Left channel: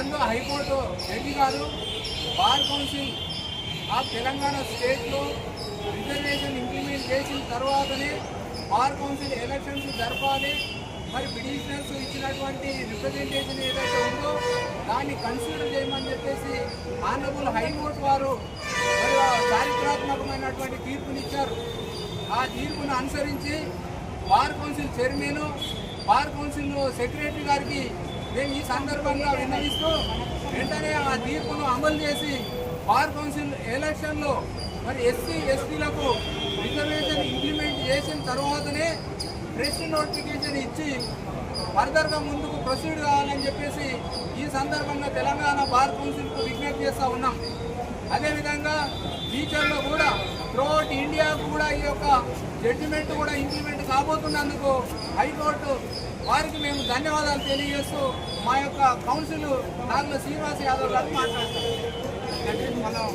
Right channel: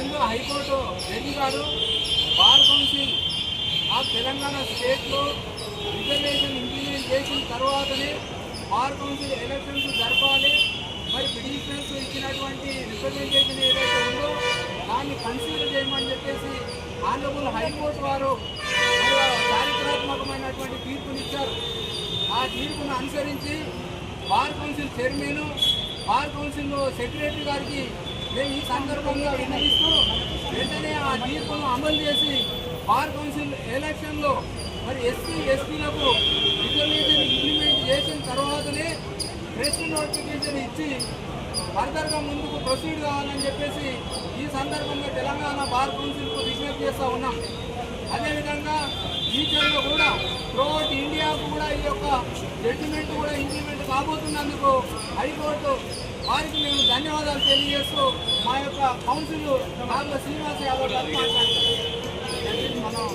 అందులో high court judge గారు bar council of Telangana స్టేట్లో రిజర్వేషన్ ఇంప్లిమెంట్ చేసిన తర్వాతనే బార్ కౌన్సిల్ ఎలక్షన్స్ జరపాలి, మరి పిటిషనర్స్ ఇచ్చినటువంటి రిప్రజెంటేషన్ ఏదైతే ఉందో దాన్ని కన్సిడర్ చేయమని చెప్పేసి ఆనరబుల్ హైకోర్టు వారు మరి చారిత్రాత్మకమైనటువంటి తీర్పునిచ్చారు. ఆ తీర్పును అనుసరించి bar council chairman, bar council secretary గారికి మేము ఈ సందర్భంగా విన్నవిస్తూ వెంటనే ఆ తీర్పును అమలు చేసి బార్ కౌన్సిల్ ఎలక్షన్లో మరి ఎస్సీ ఎస్టీలకు రిజర్వేషన్ ఇంప్లిమెంట్ చేసిన తర్వాతనే ఫ్రెష్ నోటిఫికేషన్ ఇచ్చి ఫర్దర్గా ముందుకు ప్రొసీడ్ కావాలని చెప్పేసి ఈ సందర్భంగా తెలంగాణ బార్ కౌన్సిల్కు విజ్ఞప్తి చేస్తూ ఉన్నాం. అదేవిధంగా ఫ్యూచర్లో కూడా త్రూఅవుట్ ఇండియాకు కూడా ఈ యొక్క జడ్జిమెంట్ కూడా ఇంప్లిమెంట్ కాబోతున్నందుకు హైకోర్టు వారికి మేము ధన్యవాదాలు తెలియజేస్తూ మా యొక్క కౌన్సిల్ నాగుల శ్రీనివాస్ యాదవ్ గారు మాట్లాడతాం. మనం